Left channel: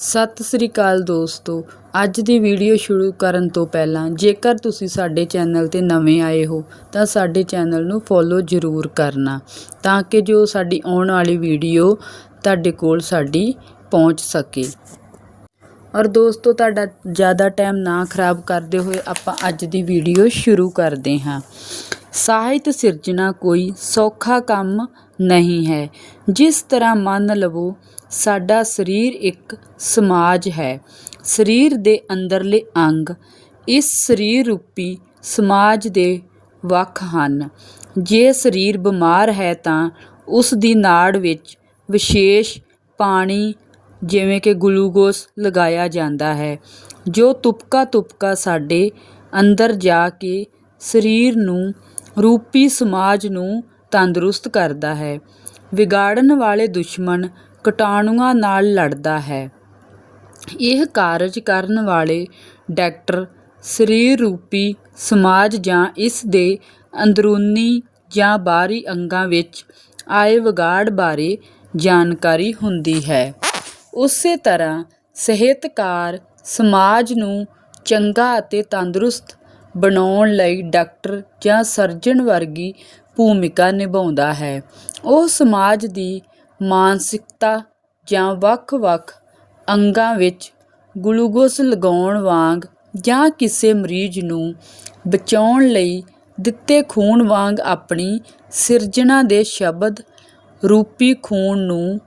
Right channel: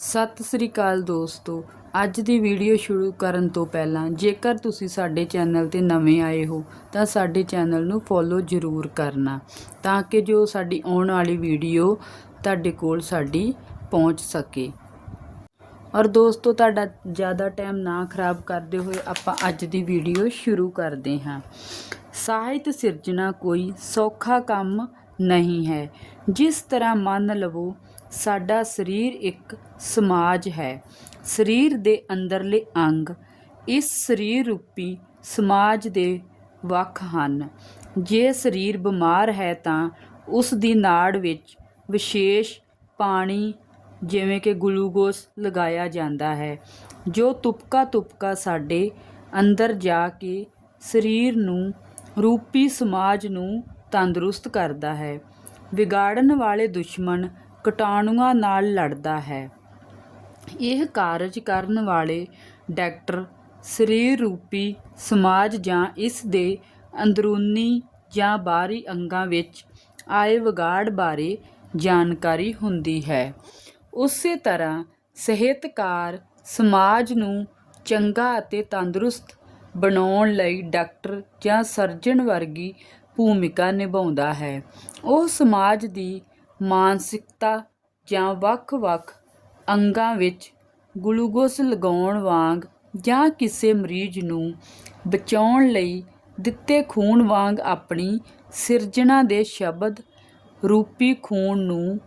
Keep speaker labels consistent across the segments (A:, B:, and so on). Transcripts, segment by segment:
A: ਸਤਿ ਸ੍ਰੀ ਅਕਾਲ ਦੋਸਤੋ। ਅੱਜ ਦੀ ਵੀਡੀਓ ਸ਼ੁਰੂ ਕਰਨ ਤੋਂ ਪਹਿਲਾਂ ਜੇਕਰ ਤੁਸੀਂ ਸਾਡੇ ਚੈਨਲ ਤੇ ਨਵੇਂ ਆਏ ਹੋ, ਤਾਂ ਸਾਡੇ ਚੈਨਲ ਨੂੰ ਫੋਲੋ ਜ਼ਰੂਰ ਕਰਨਾ ਤਾਂ ਕਿ ਜੋ ਸਾਡੀ ਆਉਣ ਵਾਲੀ ਵੀਡੀਓ ਤੁਹਾਡੇ ਕੋਲ ਸਾਡੀ ਪਹੁੰਚ ਸਕੇ। ਔਰ ਦੋਸਤੋ, ਤੁਹਾਡਾ ਜ਼ਿਆਦਾ ਟਾਈਮ ਨਾ ਖਰਾਬ ਕਰਦੇ ਹੋਏ ਆਪਾਂ ਅੱਜ ਦੀ ਵੀਡੀਓ ਸ਼ੁਰੂ ਕਰਦੇ ਹਾਂ। ਸਾਹਿਤ ਸਿਰਜਣਾ ਕੋਈ ਸੌਖਾ ਕੰਮ ਨਹੀਂ ਹੈ। ਜਿਸ ਤਰ੍ਹਾਂ ਮੰਨ ਲਵੋ ਸਾਡਾ ਸਰੀਰ ਇੱਕ ਸਮਾਜ ਹੈ। ਸਰੀਰ ਦੇ ਅੰਦਰਲੇ ਅੰਗ ਇਸ ਸਰੀਰ ਰੂਪੀ ਸਮਾਜ ਦੇ ਵੱਖ ਹਨ। ਜੇ ਸਰੀਰ ਬਿਮਾਰ ਹੈ ਤਾਂ ਉਸ ਦੀ ਨਾੜ ਵਿੱਚ ਵਿਸ਼ੇਸ਼ ਪਾਣੀ ਜਿਵੇਂ ਕਿ ਗਲੂਕੋਸ ਲਗਾਇਆ ਜਾਂਦਾ ਹੈ, ਜੋ ਤੁਪਕਾ ਤੁਪਕਾ ਸਾਡੇ ਅੰਦਰ ਜਾ ਕੇ ਸਰੀਰ ਨੂੰ ਰੂਪੀ ਸਮਾਜ ਨੂੰ ਤੰਦਰੁਸਤ ਕਰਦਾ ਹੈ। ਵਿਗਾੜਨ ਵਾਲੇ ਦੁਸ਼ਮਣ ਕੀਟਾਣੂਆਂ ਨਾਲ ਲੜਦਾ ਹੈ। ਇਹ ਕਾਰਜ ਕਰਨ ਵਾਲੇ ਡਾਕਟਰ ਸਰੀਰ ਰੂਪੀ ਸਮਾਜ ਜਾਂ ਇਸ ਦੇ ਅੰਦਰੂਨੀ ਜਾਂ ਬਾਹਰੀ ਅੰਗਾਂ ਵਿੱਚ ਆਏ ਵਿਗਾੜ ਬਾਰੇ ਜਾਣਕਾਰੀ ਹੁੰਦੀ ਹੈ। ਉਸੇ ਤਰ੍ਹਾਂ ਸਿਹਤਕਾਰ ਸਮਾਜ ਨੂੰ ਚੰਗਾ ਅਤੇ ਤੰਦਰੁਸਤ ਬਣਾਉਣ ਲਈ ਡਾਕਟਰ ਜਾਂ ਸਰਜਨ ਵਰਗੀ ਭੂਮਿਕਾ ਨਿਭਾਉਂਦਾ ਹੈ। ਉਹ ਸਮਾਜ ਦੀ ਮਾਨਸਿਕਤਾ ਜਾਂ ਵੱਖ-ਵੱਖ ਅੰਗਾਂ ਵਿੱਚ ਗਲੂਕੋਸ ਲਗਾਉਣ ਵਾਂਗ ਜਾਂ ਕਿਸੇ ਮਰੀਜ਼ ਨੂੰ ਬਚਾਉਣ ਲਈ ਦਿੱਤੇ ਖੂਨ ਵਾਂਗ ਆਪਣੀ ਸਿਰਜਣਾ ਦੇ ਸ਼ਬਦ ਰੂਪੀ ਖੂਨ ਨੂੰ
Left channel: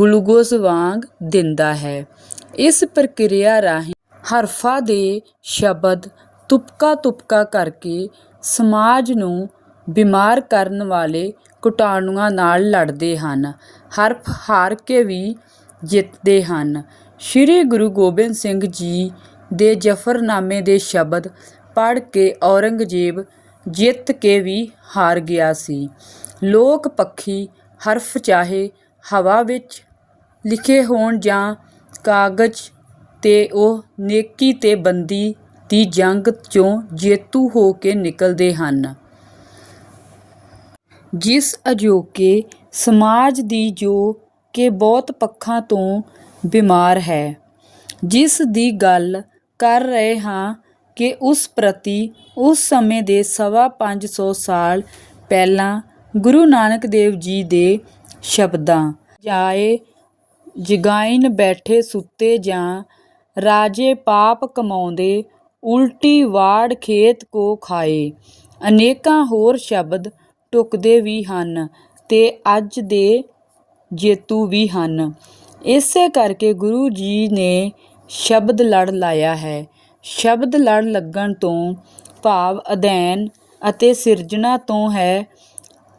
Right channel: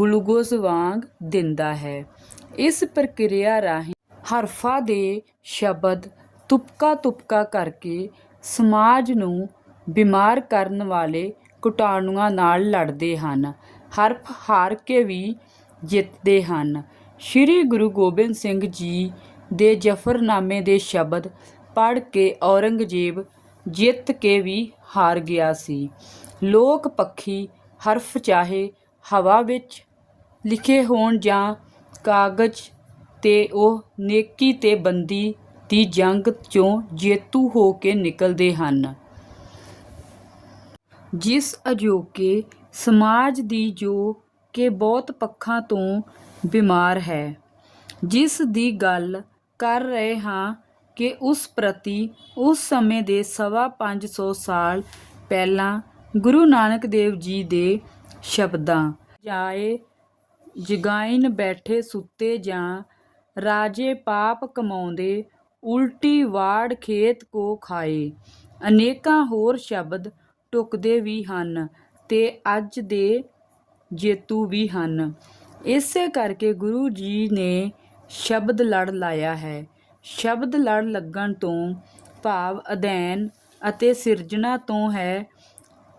A: ਗਲੂਕੋਸ ਵਾਂਗ ਦਿੰਦਾ ਹੈ। ਇਸ ਪ੍ਰਕਿਰਿਆ ਰਾਹੀਂ ਹਰਫਾਂ ਦੇ ਸ਼ਬਦ ਤੁਪਕਾ ਤੁਪਕਾ ਕਰਕੇ ਸਮਾਜ ਨੂੰ ਬਿਮਾਰ ਕਰਨ ਵਾਲੇ ਕੀਟਾਣੂਆਂ ਨਾਲ ਲੜਦੇ ਹਨ। ਹਰਫ ਹਾਰ ਕੇ ਵੀ ਜਿੱਤਦੇ ਹਨ। ਸ੍ਰੀ ਗੁਰੂ ਗੋਬਿੰਦ ਸਿੰਘ ਜੀ ਦੇ ਜ਼ਫਰਨਾਮੇ ਦੇ ਸ਼ਬਦ ਪੜ੍ਹ ਕੇ ਔਰੰਗਜ਼ੇਬ ਜਿੱਤ ਕੇ ਵੀ ਹਾਰ ਗਿਆ ਸੀ। ਲੋਕ ਪੱਖੀ ਹਰਫ ਚਾਹੇ ਹਵਾ ਵਿੱਚ ਲਿਖੇ ਹੋਣ ਜਾਂ ਕਾਗਜ਼ ਤੇ ਉਹ ਨੇਕੀ ਤੇ ਬੰਦੀ ਦੀ ਜੰਗ ਚੋਂ ਜੇਤੂ ਹੋ ਕੇ ਨਿਕਲਦੇ ਹਨ। ਜਿਸ ਅਜੋਕੇ ਸਮਾਜ ਦੀ ਜੋ ਕਿ ਬਹੁਤ ਪੱਖਾਂ ਤੋਂ ਬਿਮਾਰ ਹੈ, ਜਿਸ ਦੀ ਗੱਲ ਕਰ ਰਹੇ ਹਾਂ ਕਿ ਉਸ ਪ੍ਰਤੀ ਉਸ ਸਮੇਂ ਦੇ ਸਵਾ ਪੰਜ ਸੌ ਸਾਲ ਪਹਿਲਾਂ ਗੁਰੂ ਨਾਨਕ ਦੇਵ ਜੀ ਦੇ ਸ਼ਬਦਾਂ, ਜਾਏ ਜਗਾਇਨ ਬੈਠੇ ਸੁੱਤੇ ਜਾਂ ਰਾਜੇ ਪਾਪ ਕਮਾਉਂਦੇ ਉਲਟੀ ਵਾੜ ਖੇਤ ਕੋ ਖਾਏ, ਅਨੇਕਾਂ ਹੋਰ ਸ਼ਬਦ ਢੁਕਦੇ ਵੀ ਹਨ। ਤੇ ਅੱਜ ਦੇ ਜੇਤੂ ਵੀ ਹਨ। ਇਸੇ ਕਰਕੇ ਗੁਰੂ ਜੀ ਨੇ ਸ਼ਬਦ ਲੜ ਲਾਇਆ ਹੈ। ਸ਼ਬਦ ਲੜ ਲੱਗਣ ਤੋਂ ਭਾਵ ਅਧਿਐਨ ਅਤੇ ਸਿਰਜਣਾ ਤੋਂ ਹੈ।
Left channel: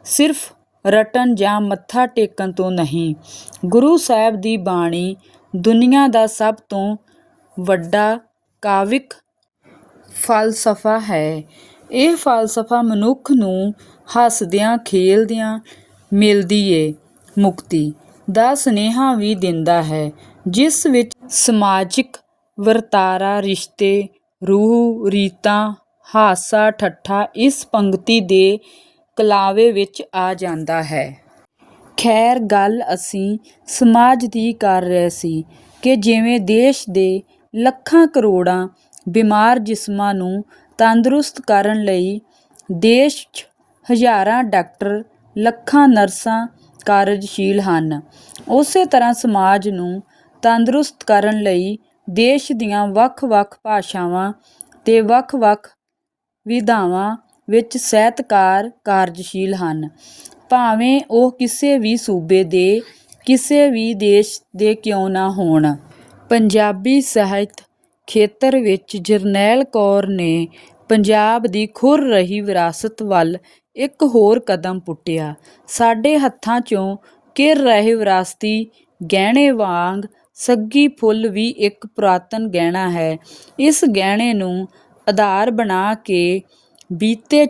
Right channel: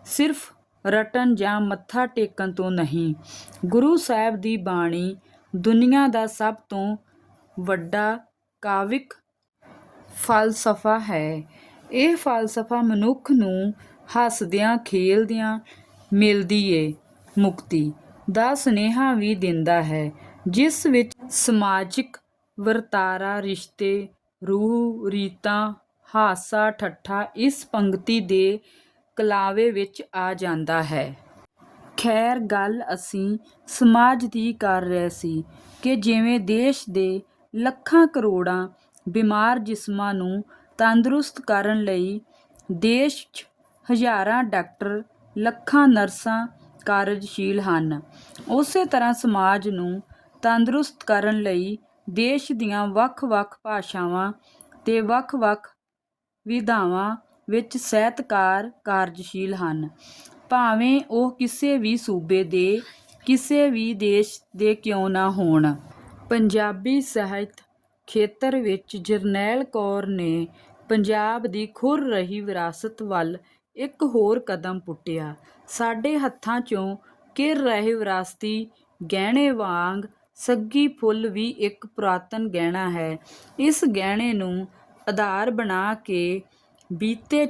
A: ਸਿਰਫ ਰਟਨ ਜਾਂ ਮੱਥਾ ਟੇਕਣ ਤੋਂ ਨਹੀਂ। ਗੁਰੂ ਸਾਹਿਬ ਦੀ ਬਾਣੀ ਦੁਨੀਆ ਦਾ ਸਭ ਤੋਂ ਵੱਡਾ ਕਾਵਿਕ ਫਲਸਫਾ ਹੈ। ਇਹ ਫਲਸਫਾ ਮਨੁੱਖ ਨੂੰ ਹੱਸਦਿਆਂ, ਖੇਲਦਿਆਂ ਮਿਲਦੀ ਏ। ਮੁਕਤੀ ਦਾ ਸੁਨੇਹਾ ਵੀ ਦਿੰਦਾ ਹੈ, ਜਿਸ ਵਿੱਚ ਸਮਾਜਿਕ ਵਰਤਾਰਾ, ਰਿਸ਼ਤੇ, ਰੂਹ, ਰੀਤਾਂ, ਹਾਸਾ, ਠੱਠਾ ਇਸ ਪੰਕਤੀ ਦੇ ਕਲਾਵੇ ਵਿੱਚ ਆ ਜਾਂਦਾ ਹੈ। ਖੈਰ ਗੱਲ ਅਸੀਂ ਸਮਾਜ ਦੀ ਕਰ ਰਹੇ ਸੀ ਕਿ ਜਿਵੇਂ ਦੇਸ਼ ਦੇ ਲੱਖਾਂ ਕਰੋੜਾਂ ਬਿਮਾਰ ਜਿਸਮਾਂ ਨੂੰ ਤੰਦਰੁਸਤ ਕਰਨ ਲਈ ਦੇਸ਼ 'ਚ ਹਜ਼ਾਰਾਂ ਡਾਕਟਰ ਲੱਖਾਂ ਨਰਸਾਂ ਕਾਰਜਸ਼ੀਲ ਹਨ। ਉਸੇ ਤਰ੍ਹਾਂ ਸਮਾਜ ਨੂੰ ਤੰਦਰੁਸਤ ਕਰਨ ਲਈ ਦੇਸ਼ ਦੀਆਂ ਵੱਖ-ਵੱਖ ਭਾਸ਼ਾਵਾਂ ਤੇ ਵੱਖ-ਵੱਖ ਵਿਧਾਵਾਂ ਵਿੱਚ ਸਾਹਿਤਕਾਰ ਕਾਰਜਸ਼ੀਲ ਹਨ। ਭਾਵੇਂ ਉਹ ਕਿਸੇ ਵੀ ਸੂਬੇ ਦੇ, ਕਿਸੇ ਵੀ ਦੇਸ਼ ਦੇ ਕਿਉਂ ਨਾ ਹੋਣ। ਪੰਜਾਬੀ ਸਾਹਿਤ ਖੇਤਰ ਵਿੱਚ ਜਰਨੈਲ ਕੌਰ ਨੇ ਪੰਜਾਬ ਦੀ ਖੁਰ ਰਹੀ ਵਿਰਾਸਤ ਵੱਲ ਇੱਕ ਹੋਰ ਕਦਮ ਪੁੱਟਿਆ। ਸਾਡੇ ਹੱਥਾਂ 'ਚੋਂ ਕਿਰ ਰਹੇ ਵਿਰਾਸਤੀ ਗਹਿਣੇ ਵਾਂਗ ਸੱਗੀ ਫੁੱਲ ਵੀ ਇੱਕ ਪੁਰਾਤਨ ਗਹਿਣਾ ਹੈ। ਇਸ ਗਹਿਣੇ ਨੂੰ ਆਧਾਰ ਬਣਾ ਕੇ ਬੀਤੇ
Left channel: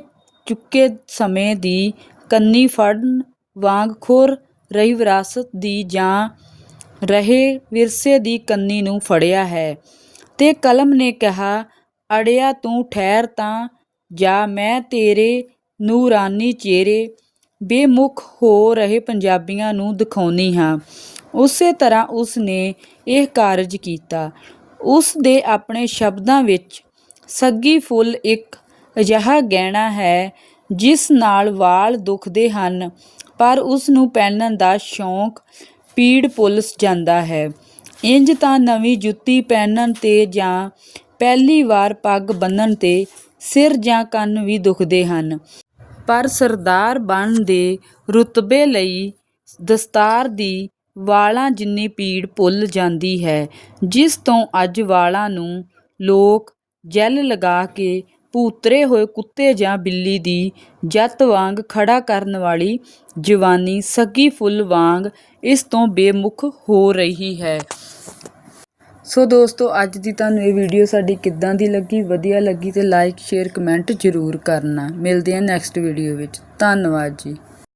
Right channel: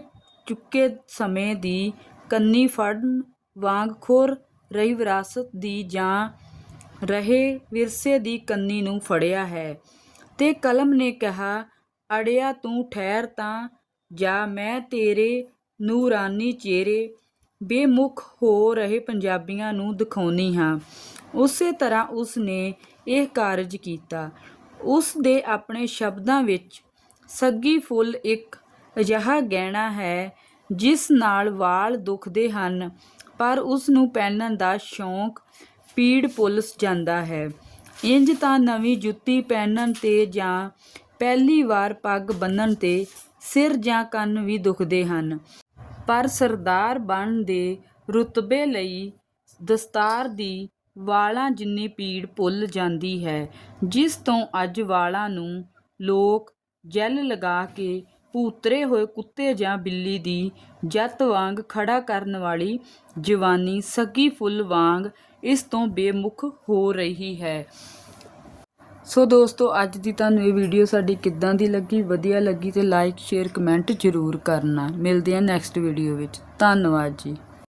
A: ਚੁੱਕੇ ਸਮੇਂ ਦੀ ਕੰਨੀ ਫੜਨ ਵਾਂਗ ਖੁਰ ਰਹੀ ਵਿਰਾਸਤ ਦੀ ਜਾਂ ਰਹੇ ਵਿਰਸੇ ਦੀ ਕੰਨੀ ਨੂੰ ਫੜਿਆ ਹੈ। ਤੇ ਕਲਮ ਨੇ ਕਿਹਾ, ਅੜਿਆ ਤੂੰ ਠਹਿਰ ਤਾਂ ਜਾ, ਮੈਂ ਤੇਰੇ ਨੂਰਾਨੀ ਚਿਹਰੇ ਬੇਮੁਖ ਹੋ ਰਹੇ ਪੰਜਾਬੀਆਂ ਨੂੰ ਦਿਖਾਉਂਦੀ ਹਾਂ। ਉਸੇ ਤਰ੍ਹਾਂ ਉਸ ਨੇ ਇਹ ਕਾਰਜ ਕੀਤਾ। ਉਸ ਦੇ ਆਪਣੇ ਸ਼ਬਦਾਂ ਵਿੱਚ ਸੱਗੀ ਫੁੱਲ ਇੱਕ ਅਜਿਹਾ ਗਹਿਣਾ ਹੈ ਜਿਸ ਨਾਲ ਵਾਲ ਦੁਖਦੇ ਹਨ, ਪਰ ਉਸ ਨੂੰ ਪਹਿਨਣ ਦਾ ਸ਼ੌਂਕ ਪੀੜ ਭੁੱਲ ਜਾਂਦਾ ਹੈ। ਇੰਜ ਤਾਂ ਨਵੀਂ ਜੁੱਤੀ ਪਹਿਨਣ ਤੇ ਜਾਂ ਪਹਿਲੀ ਵਾਰ ਪੱਗ ਬੰਨਣ ਤੇ ਸਿਰ ਜਾਂ ਕੰਨ ਵੀ ਦੁਖਦੇ ਹਨ। ਪਰ ਸਰਦਾਰ ਬਣਨ ਦੇ ਰੁਤਬੇ ਲਈ ਦਸਤਾਰ ਦੀ ਵਾਲਾਂ ਜਿੰਨੀ ਪੀੜ ਭੁੱਲ ਜਾਂਦੀ ਹੈ, ਜਿਸ ਤੋਂ ਅੱਜ ਵਾਲਾਂ ਨੂੰ ਲੋਕ ਜੈਲ ਲਗਾ ਕੇ ਭੂਤਰੇ ਹੋਏ ਕੁੱਤੇ ਜਾਂ ਬਿੱਲੀ ਦੀ ਜੱਤ ਵਾਂਗ ਖੜਾ ਕਰਨ ਵਾਲੀ ਜਵਾਨੀ ਸੱਗੀ ਫੁੱਲ ਵਾਂਗ ਇਸ ਤੋਂ ਬੇਮੁਖ ਹੋ ਰਹੀ ਹੈ। ਸੋ ਦੋਸਤੋ, ਅੱਜ ਦੀ ਤੁਹਾਨੂੰ ਇਹ ਵੀਡੀਓ ਸਾਡੀ ਕਿੱਦਾਂ ਦੀ ਲੱਗੀ? ਵਧੀਆ ਲੱਗੀ ਤੇ ਲਾਈਕ ਸ਼ੇਅਰ ਕਮੈਂਟ ਜ਼ਰੂਰ ਕਰਨਾ। ਮਿਲਦੇ ਹਾਂ ਨੈਕਸਟ ਵੀਡੀਓ ਵਿੱਚ। ਧੰਨਵਾਦ ਜੀ।